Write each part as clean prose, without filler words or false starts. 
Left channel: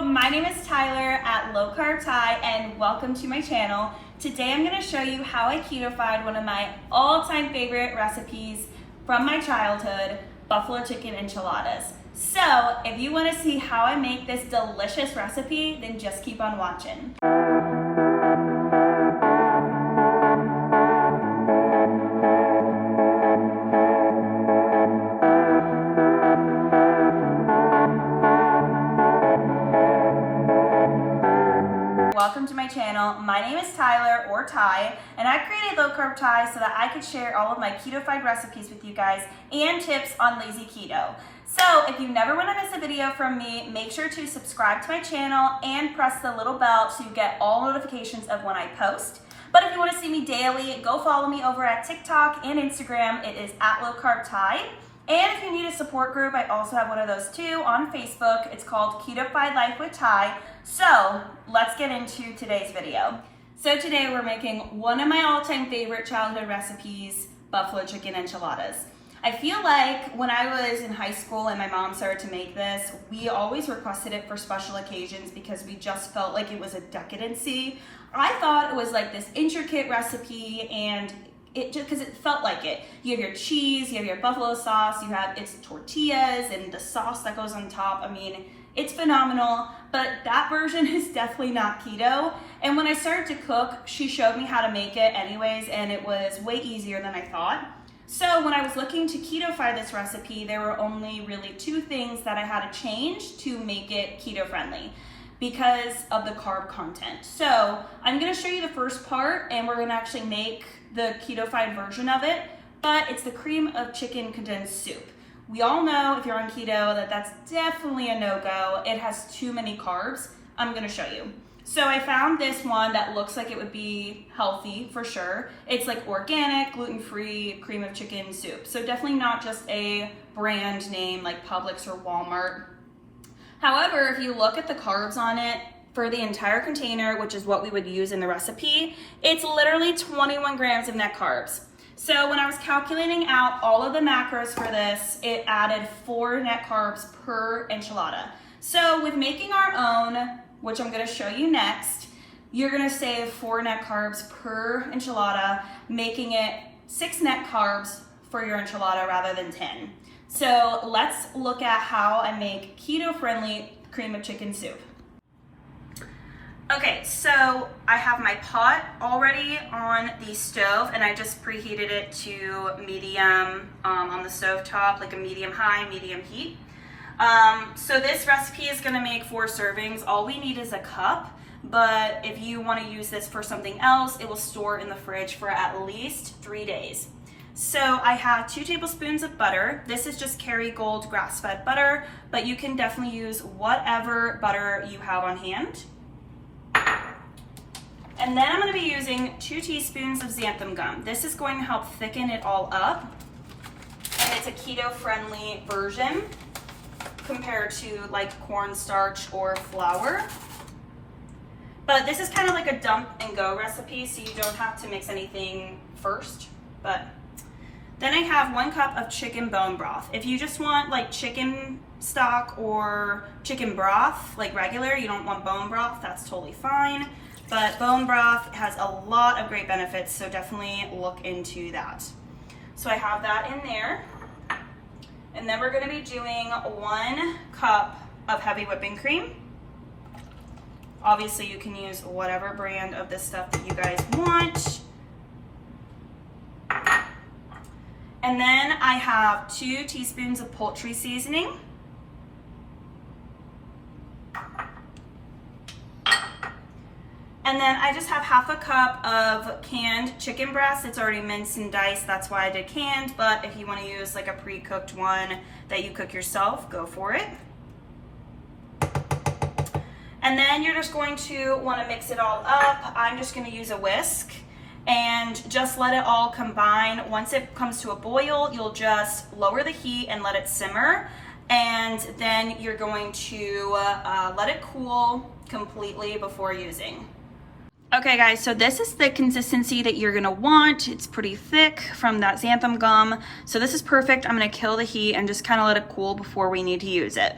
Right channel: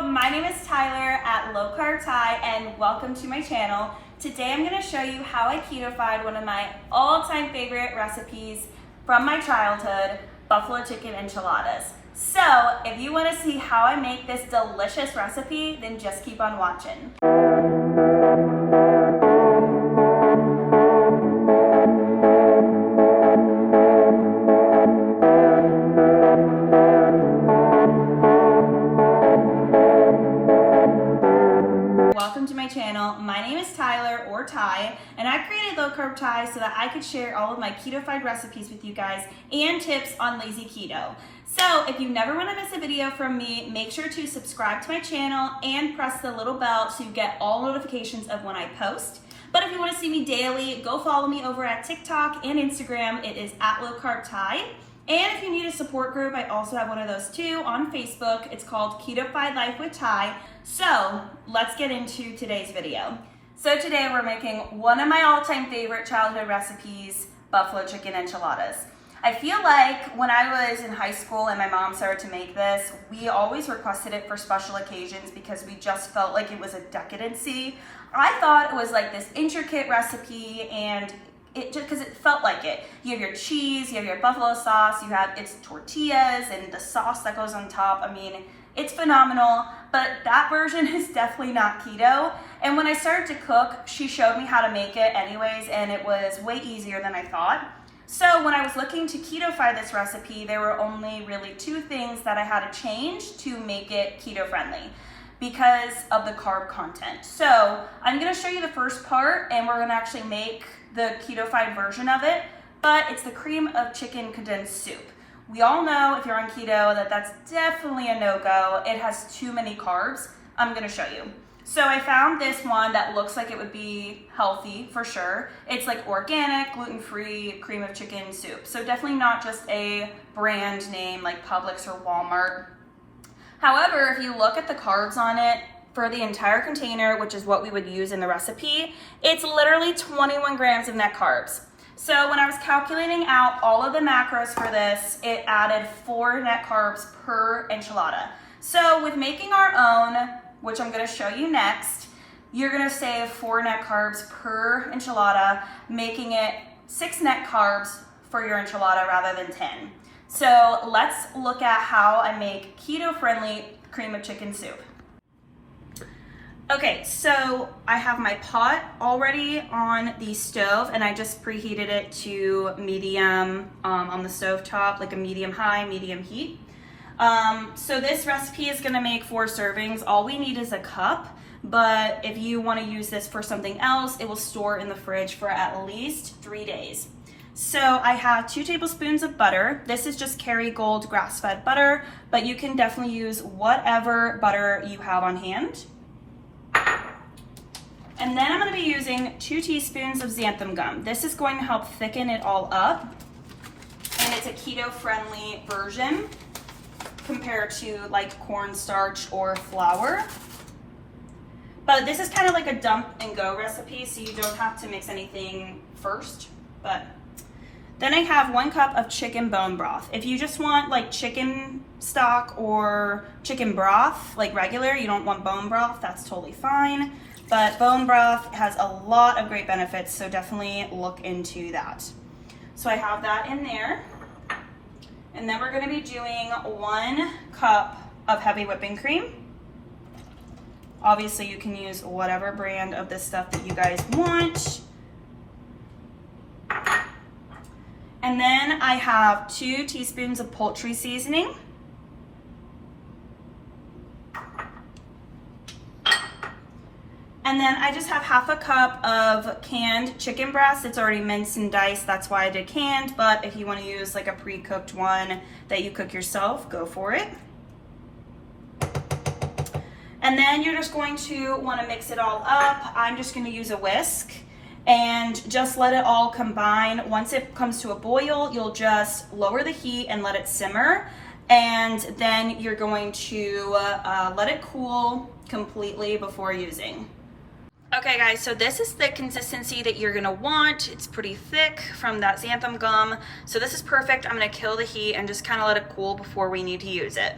my name is Tyler at Low Carb Thai and welcome to my channel. Today I'm going to show you how I ketofied one of my all-time favorite recipes from my childhood, buffalo chicken enchiladas. So if you want to see how I make this delicious recipe, then just keep on watching. Welcome to my channel. My name is Tyler, or Ty, and I created Low Carb Thai so that I could share all of my ketofied recipes with you guys and tips on lazy keto. So if you never want to miss a video from me, make sure to subscribe to my channel and press the little bell to get all notifications of when I post. But if you want to see me daily, go follow me over at TikTok and Instagram. It is at Low Carb Thai. And if you need a support group, I also have one of those too on Facebook. It's called Ketofied Life with Ty. So let's get into today's video. So today we're making one of my all-time favorite childhood recipes, buffalo chicken enchiladas. I feel like when I was in high school and my mom started to make this, we always requested it for special occasions because we just felt like it was a decadency. I thought it was like this intricate recipe and it just because it felt like it. You have your cheese, you have your buffalo sauce, you have its tortillas and the sauce that goes on top. I mean, it's phenomenal, but that version is definitely not keto. And when I started to cook, she showed me how to make it anyways, and it was way easier than I thought. So when I was looking to ketofy this recipe, there were only really two things that I had to change to make it keto friendly because of the carb content. So I'm gonna show you the first part and we're gonna actually make the ketofied version of it, but it's the cream of chicken condensed soup. We all know if you're on keto that that's definitely a no-go. It has too many carbs. I'm gonna show you. So I found this one that looks like it would be healthy for sure. It's like organic, gluten-free cream of chicken soup. So definitely not just a brand name like Publix or Walmart. However, if you look at the carbs on it, for the entire container, which is what we would use in the recipe, it's literally 21 grams of net carbs. So when I was calculating out all of the macros for this, it added 4 net carbs per enchilada. So with making our own, which I'm gonna show you next, you're gonna save 4 net carbs per enchilada, making it 6 net carbs for your enchilada rather than 10. So let's look at how I make keto-friendly cream of chicken soup. Okay, so I have my pot already on the stove and I just preheated it to medium on the stove top, like a medium high, medium heat. So this recipe is gonna make 4 servings. All we need is a cup, but if you wanna use this for something else, it will store in the fridge for at least 3 days. So I have 2 tablespoons of butter. This is just Kerrygold grass-fed butter, but you can definitely use whatever butter you have on hand. And then I'm going to be using 2 teaspoons of xanthan gum. This is going to help thicken it all up. And it's a keto-friendly version compared to like cornstarch or flour. But this is kind of like a dump and go recipe, so you don't have to mix anything first. But then I have 1 cup of chicken bone broth. If you just want like chicken stock or chicken broth, like regular, you don't want bone broth, that's totally fine. But bone broth has a lot of great benefits, so definitely look into that. So I have that in there. And then we're gonna be doing 1 cup of heavy whipping cream. Obviously you can use whatever brand of this stuff that you guys want. And then I have 2 teaspoons of poultry seasoning. And then I just have half a cup of canned chicken breast. It's already minced and diced, that's why I did canned, but if you want to use like a pre-cooked one that you cook yourself, go for it. And then you're just going to want to mix it all up. I'm just going to use a whisk and just let it all combine. Once it comes to a boil, you'll just lower the heat and let it simmer. And then you're going to let it cool completely before using. Okay guys, so this is the consistency that you're gonna want. It's pretty thick from that xanthan gum. So this is perfect. I'm gonna kill the heat and just kind of let it cool before we need to use it.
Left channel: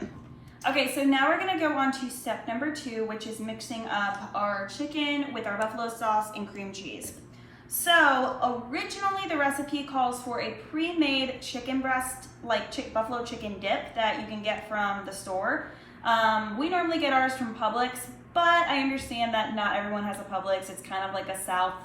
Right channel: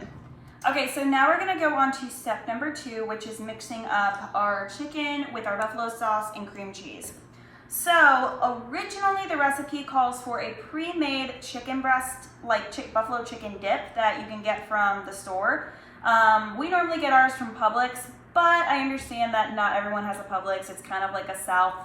Okay, so now we're gonna go on to step number 2, which is mixing up our chicken with our buffalo sauce and cream cheese. So originally the recipe calls for a pre-made chicken breast, like buffalo chicken dip that you can get from the store. We normally get ours from Publix, but I understand that not everyone has a Publix. It's kind of like a South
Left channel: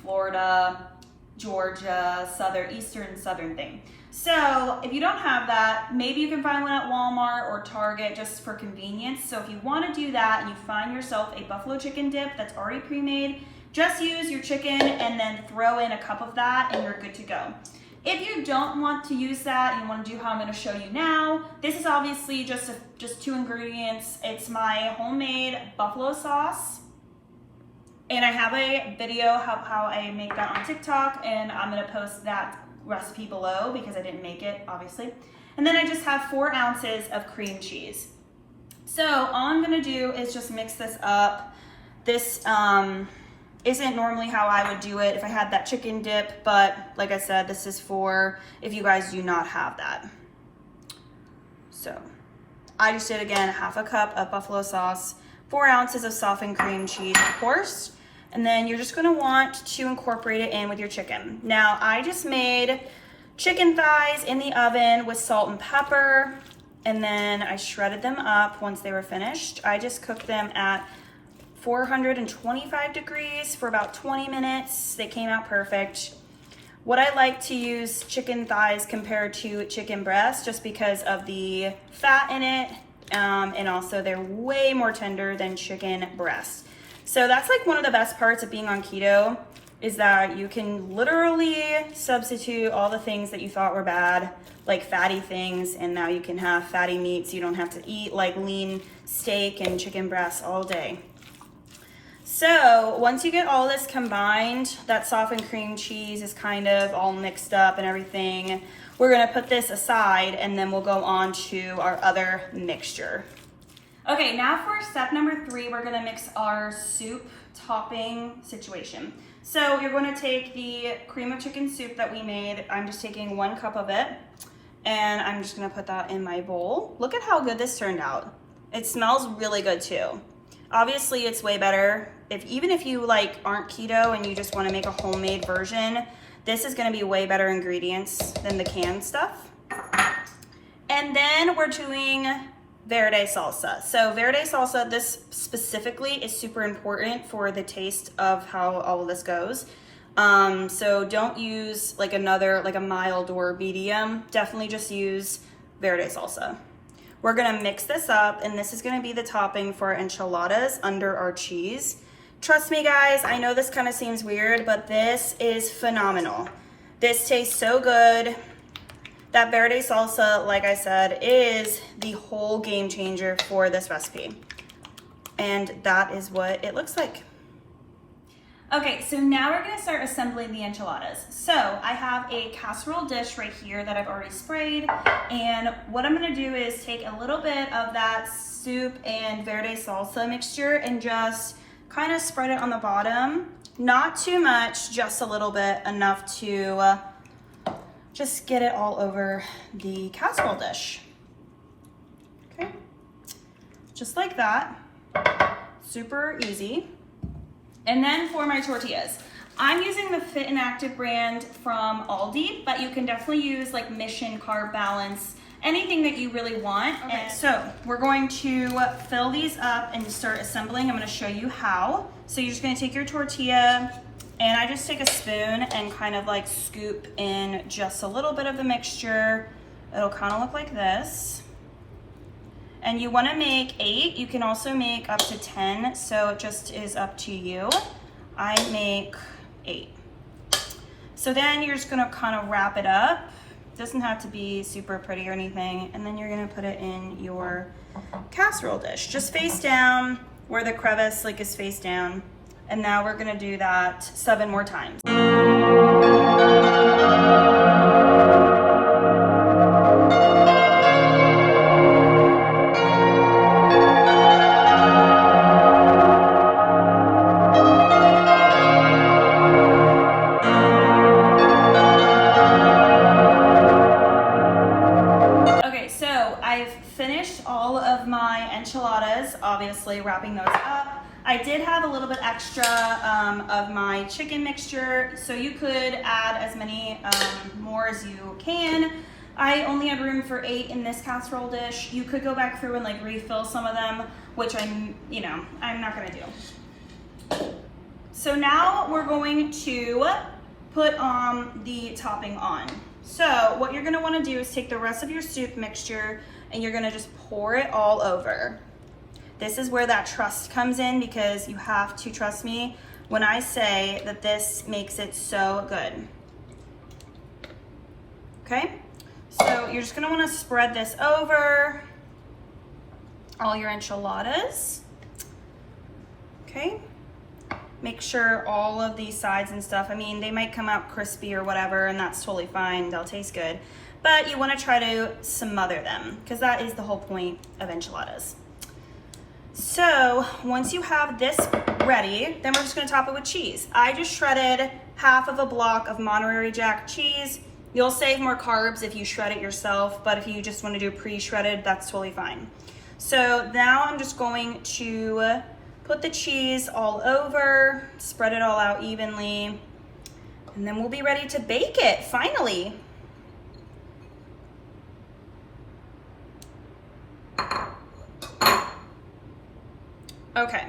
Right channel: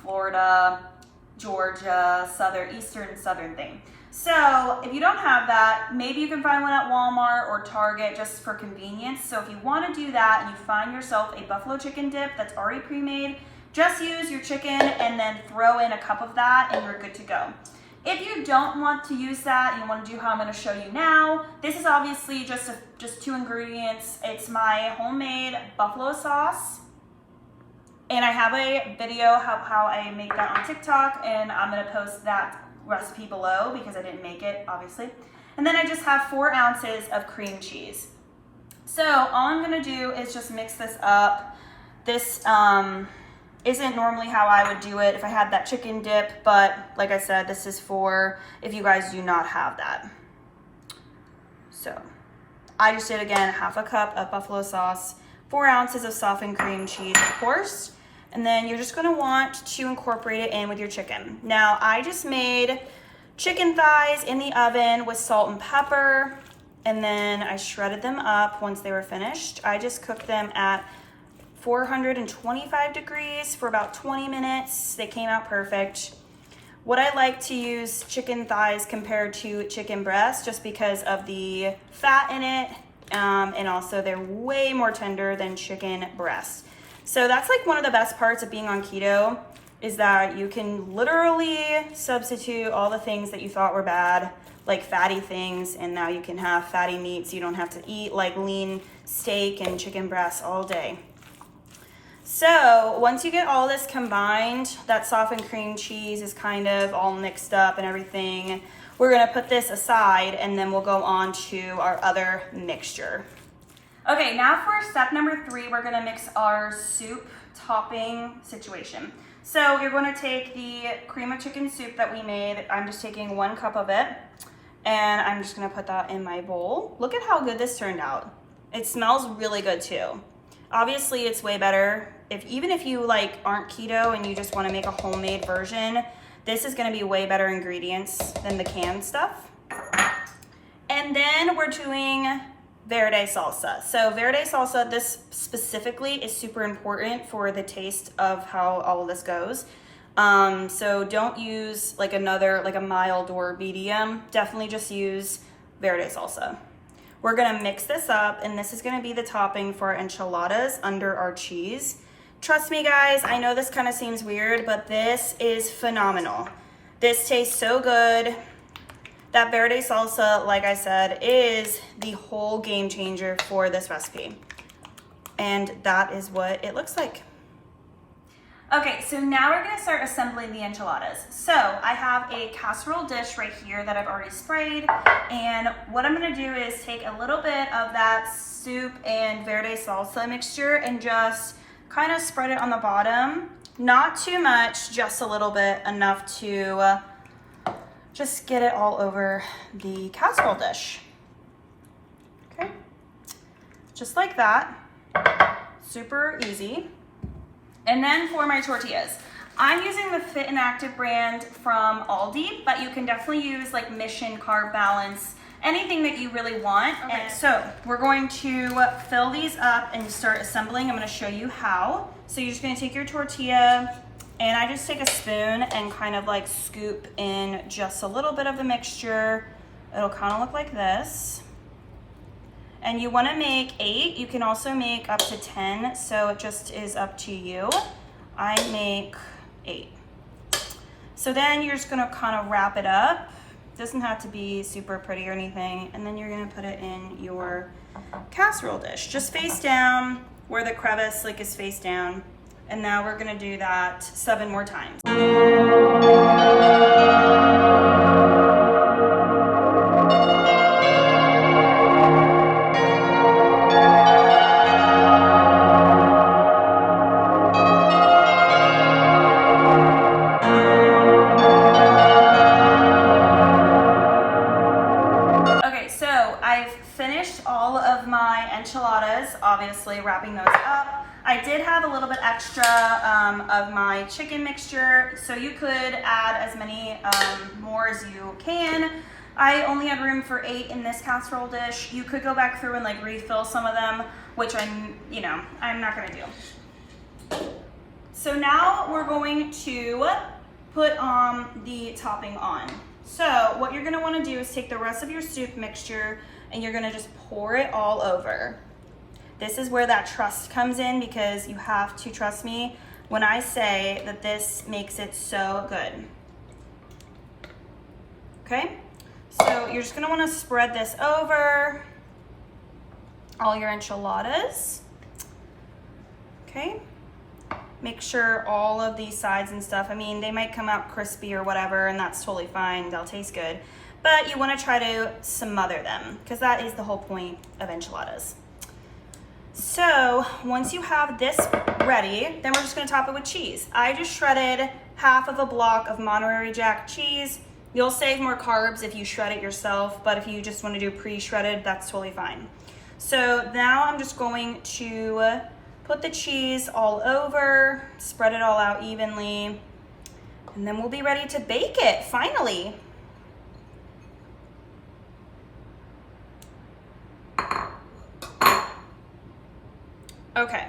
Florida, Georgia, Eastern Southern thing. So if you don't have that, maybe you can find one at Walmart or Target just for convenience. So if you want to do that and you find yourself a buffalo chicken dip that's already pre-made, just use your chicken and then throw in a cup of that and you're good to go. If you don't want to use that and you want to do how I'm going to show you now, this is obviously just 2 ingredients. It's my homemade buffalo sauce. And I have a video of how I make that on TikTok, and I'm going to post that recipe below because I didn't make it, obviously. And then I just have 4 ounces of cream cheese. So all I'm going to do is just mix this up. This isn't normally how I would do it if I had that chicken dip, but like I said, this is for if you guys do not have that. So I just did, again, half a cup of buffalo sauce, 4 ounces of softened cream cheese, of course. And then you're just gonna want to incorporate it in with your chicken. Now, I just made chicken thighs in the oven with salt and pepper, and then I shredded them up once they were finished. I just cooked them at 425 degrees for about 20 minutes. They came out perfect. What I like to use chicken thighs compared to chicken breast just because of the fat in it, and also they're way more tender than chicken breast. So that's like one of the best parts of being on keto, is that you can literally substitute all the things that you thought were bad, like fatty things, and now you can have fatty meats. You don't have to eat like lean steak and chicken breasts all day. So once you get all this combined, that softened cream cheese is kind of all mixed up and everything, we're gonna put this aside and then we'll go on to our other mixture. Okay, now for step number 3, we're gonna mix our soup topping situation. So you're gonna take the cream of chicken soup that we made. I'm just taking 1 cup of it, and I'm just gonna put that in my bowl. Look at how good this turned out. It smells really good too. Obviously, it's way better. Even if you like aren't keto and you just wanna make a homemade version, this is gonna be way better ingredients than the canned stuff. And then we're doing Verde Salsa. So Verde Salsa, this specifically is super important for the taste of how all of this goes. So don't use like a mild or medium. Definitely just use Verde Salsa. We're gonna mix this up, and this is gonna be the topping for our enchiladas under our cheese. Trust me guys, I know this kind of seems weird, but this is phenomenal. This tastes so good. That Verde Salsa, like I said, is the whole game changer for this recipe. And that is what it looks like. Okay, so now we're gonna start assembling the enchiladas. So I have a casserole dish right here that I've already sprayed. And what I'm gonna do is take a little bit of that soup and Verde Salsa mixture and just kind of spread it on the bottom. Not too much, just a little bit, enough to just get it all over the casserole dish. Okay, just like that, super easy. And then for my tortillas, I'm using the Fit and Active brand from Aldi, but you can definitely use like Mission, Carb Balance, anything that you really want. Okay, so we're going to fill these up and start assembling. I'm gonna show you how. So you're just gonna take your tortilla, and I just take a spoon and kind of like scoop in just a little bit of the mixture. It'll kind of look like this. And you want to make 8. You can also make up to 10, so it just is up to you. I make 8. So then you're just going to kind of wrap it up. It doesn't have to be super pretty or anything. And then you're going to put it in your casserole dish, just face down where the crevice like is face down. And now we're gonna do that 7 more times. Okay, so I've finished all of my obviously wrapping those up. I did have a little bit extra of my chicken mixture, so you could add as many more as you can. I only had room for 8 in this casserole dish. You could go back through and like refill some of them, which I'm not gonna do. So now we're going to put the topping on. So what you're gonna wanna do is take the rest of your soup mixture and you're gonna just pour it all over. This is where that trust comes in, because you have to trust me when I say that this makes it so good. Okay? So you're just gonna wanna spread this over all your enchiladas. Okay? Make sure all of these sides and stuff, I mean, they might come out crispy or whatever, and that's totally fine, they'll taste good. But you wanna try to smother them, because that is the whole point of enchiladas. So once you have this ready, then we're just gonna top it with cheese. I just shredded half of a block of Monterey Jack cheese. You'll save more carbs if you shred it yourself, but if you just want to do pre-shredded, that's totally fine. So now I'm just going to put the cheese all over, spread it all out evenly, and then we'll be ready to bake it, finally. Okay,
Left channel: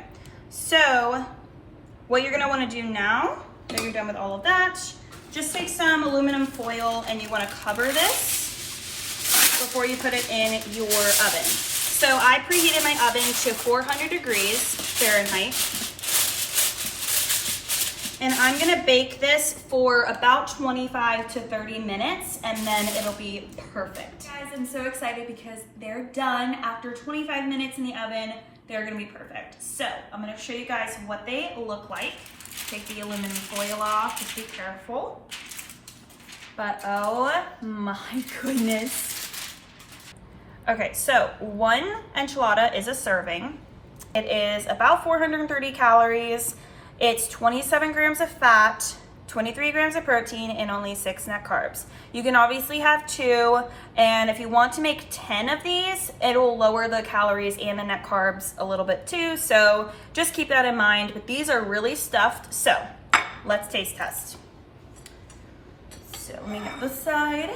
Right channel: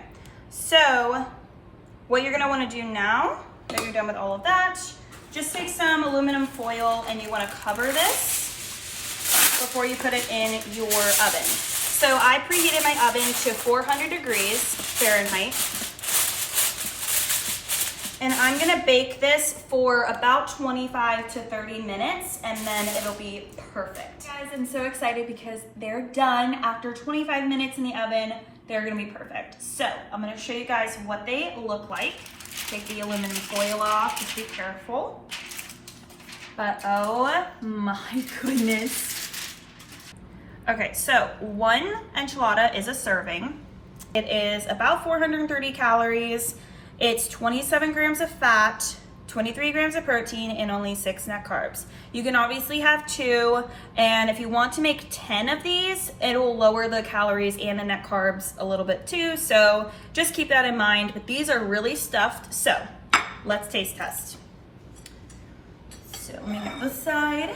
so what you're gonna wanna do now that you're done with all of that, just take some aluminum foil and you wanna cover this before you put it in your oven. So I preheated my oven to 400 degrees Fahrenheit. And I'm gonna bake this for about 25 to 30 minutes and then it'll be perfect. Guys, I'm so excited because they're done. After 25 minutes in the oven, they're gonna be perfect. So I'm gonna show you guys what they look like. Take the aluminum foil off, just be careful. But oh my goodness. Okay, so 1 enchilada is a serving. It is about 430 calories. It's 27 grams of fat, 23 grams of protein, and only 6 net carbs. You can obviously have 2, and if you want to make 10 of these, it will lower the calories and the net carbs a little bit too, so just keep that in mind. But these are really stuffed, so let's taste test. So let me get this side,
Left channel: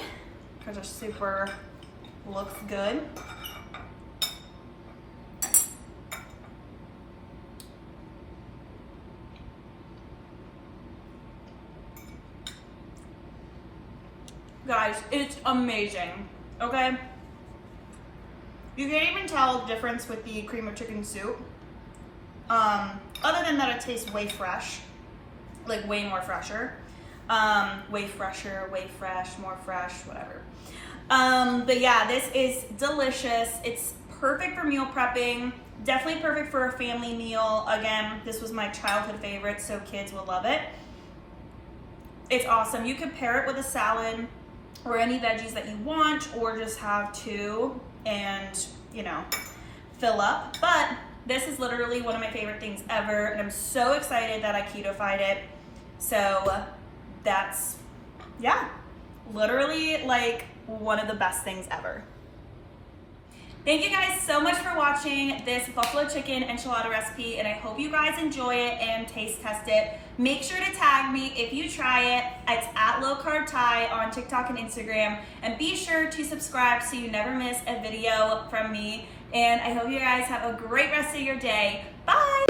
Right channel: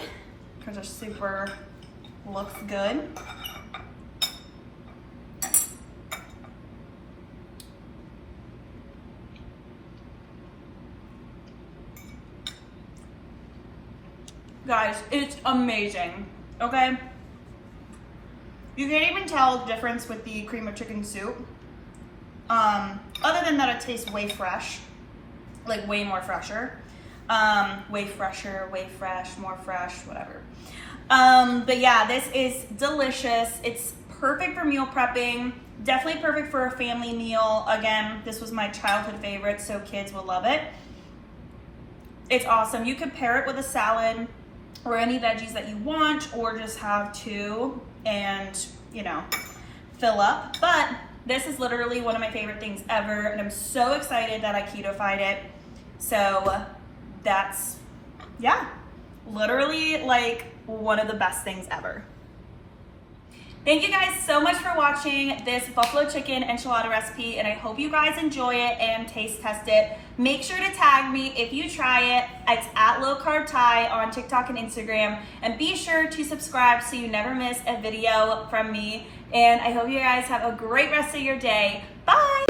because they're super, looks good. Guys, it's amazing, okay? You can't even tell the difference with the cream of chicken soup. Other than that, it tastes way fresh, like way more fresher. Way fresher, way fresh, more fresh, whatever. But yeah, this is delicious. It's perfect for meal prepping. Definitely perfect for a family meal. Again, this was my childhood favorite, so kids will love it. It's awesome. You could pair it with a salad or any veggies that you want, or just have 2 and, you know, fill up. But this is literally one of my favorite things ever, and I'm so excited that I ketofied it. So that's, yeah, literally like one of the best things ever. Thank you guys so much for watching this buffalo chicken enchilada recipe, and I hope you guys enjoy it and taste test it. Make sure to tag me if you try it. It's at Low Carb Ty on TikTok and Instagram, and be sure to subscribe so you never miss a video from me. And I hope you guys have a great rest of your day. Bye!